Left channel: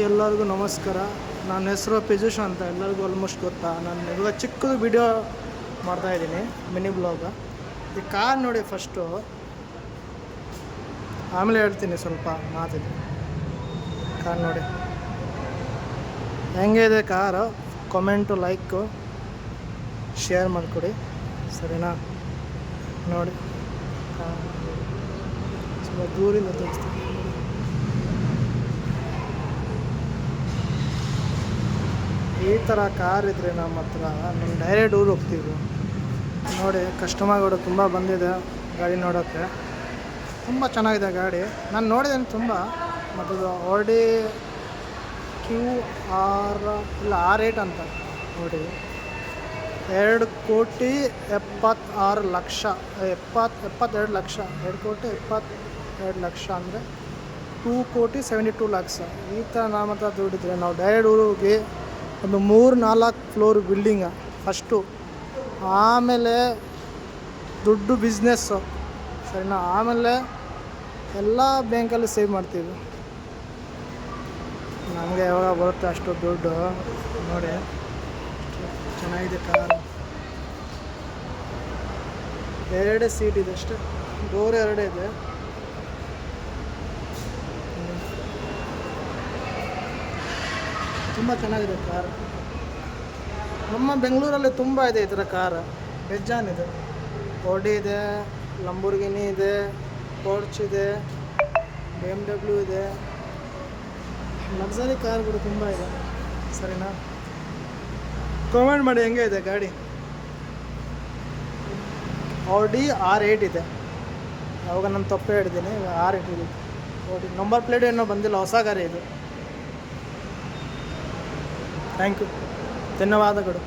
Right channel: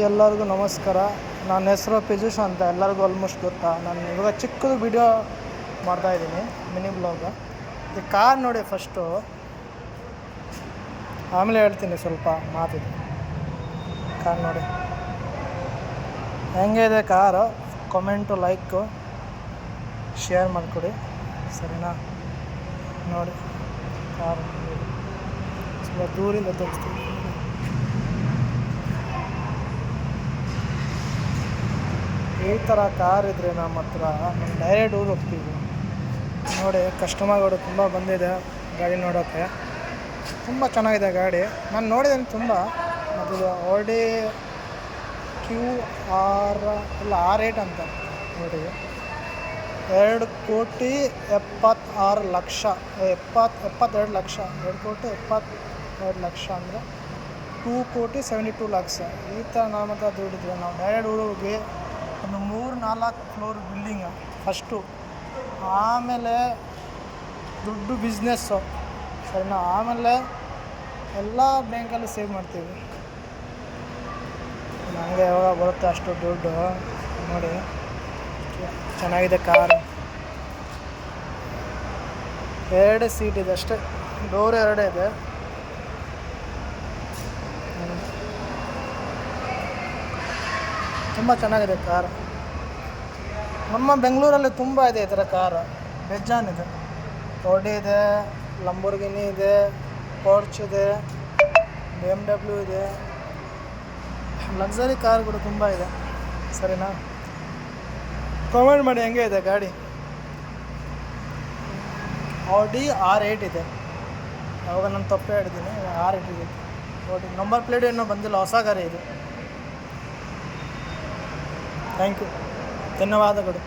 ಎಲ್ಲರಿಗೂ ನಮಸ್ಕಾರ. ನನ್ನ ಹೆಸರು ಪಿಜುಷ್ ಅಂತ, ಎಲ್ಲರಿಗೂ ಆಲ್ಮೋಸ್ಟ್ ಗೊತ್ತಾ. ನಾನು ಇವಾಗ ಚಿಕ್ಕದು ವಿಡಿಯೋ ಮಾಡ್ತಾಯಿದ್ದೀನಿ, ಮಿನಿ ಬ್ಲಾಗ್. ಈ ಕಾರ್ ನೋಡಿ ಫಸ್ಟು, ಆಮೇಲೆ ಹೇಳ್ತೀನಿ ಸ್ವಲ್ಪ ಮಾತಿದೆ. ಕಾರ್ ನೋಡಿ ಹೆಂಗೆ ಇದೆ ಕಾರು. ಕಾಮೆಂಟು, ಲೈಕು, ಶೇರ್ ಮಾಡಿಕೊಡಿ, ಸರಿನಾ? ನೋಡಿ ಕಾರು ಸ್ವಲ್ಪ ದೂರಿಂದ ತೋರಿಸ್ತೀನಿ. ಈ ಥರ ಕಾರ್ ಇದ್ದರೆ ನಮ್ಮ ಹತ್ರ ನಮ್ಮ ಡೈರೆಕ್ಟ್ ಊರು ಹೋಗ್ತೀವಿ. ನೋಡಿ ಕಸ್ಟಮರ್ಗಳು ತುಂಬ ಬಂದಿದೆ ಗಾಡಿ ನೋಡೋಕ್ಕೆ. ತುಂಬ ಚೆನ್ನಾಗಿದೆ ಗಾಡಿ, ನಾನು ನೋಡಿದ್ದೇನೆ ತುಂಬ. ಮತ್ತು ಓಡಿ R8 ಅಂತ ನೋಡಿ, 2,76,00,000, 72 ಲಕ್ಷ. 2,72,00,000 ಅಂದರೆ 2,72,00,000. ಈ ಥರ ನಮ್ಮ ಹತ್ರ ದುಡ್ಡಿದ್ರೆ ನಾವು ಡೈರೆಕ್ಟ್ ಊರು ಹೋಗಿ ಒಂದು 3-4 ಫ್ಲೋರ್ ಬಿಲ್ಡಿಂಗ ಫಸ್ಟು, ಆಮೇಲೆ ದುಡ್ಡು ಬಿಸ್ನೆಸ್ಸು, ಸರಿನಾ? ಆಮೇಲೆ ಎಲ್ಲ ಬ್ಯಾಂಕಲ್ಲಿ ಸೇವ್ ಮಾಡ್ತೀವಿ. ನನಗೆ ಯಾವಾಗ ಬರುತ್ತೆ ಅಷ್ಟು ದುಡ್ಡು. ನೋಡಿ ಚೆನ್ನಾಗಿದೆ ಕಾರು. 2 ಸೀಟ್ ಇದೆ ಅಷ್ಟೇ, ಡೋರ್ 2 ಇದೆ. ತುಂಬ ಚೆನ್ನಾಗಿದೆ ಕಾರು. ನಮ್ಮ ಬೆಂಗಳೂರಲ್ಲಿ ತುಂಬ ಇದೆ ಈ ಥರ ಕಾರು, ಬೇಜಾನಿದೆ. ಓಡಿ ಇದೆ, ಲಂಬೋರ್ಗಿನಿ ಇದೆ, ಪೋರ್ಚ್ ಇದೆ, BMW ಇದೆ, ಲಕ್ಸರಿ ಕಾರ್ಗಳು ತುಂಬ ಇದೆ, ಸರಿನಾ? ಕಾಮೆಂಟ್ ಮಾಡಿ ಹೆಂಗೆ ಇದೆ ಗಾಡಿ. Audi R8 ಇದೆ. ಅವಾಗ ನಾನು ತಪ್ಪೇ ಹೇಳಿದ್ದೀನಿ, R8 ಇದೆ. ಓಡಿ ನಂಬರ್ ಪ್ಲೇಟ್ ಏನೋ ಬಂದಿಲ್ಲ, ಹೊಸ ಗಾಡಿ ಇದು. ಥ್ಯಾಂಕ್ ಯು, ಧನ್ಯವಾದಗಳು.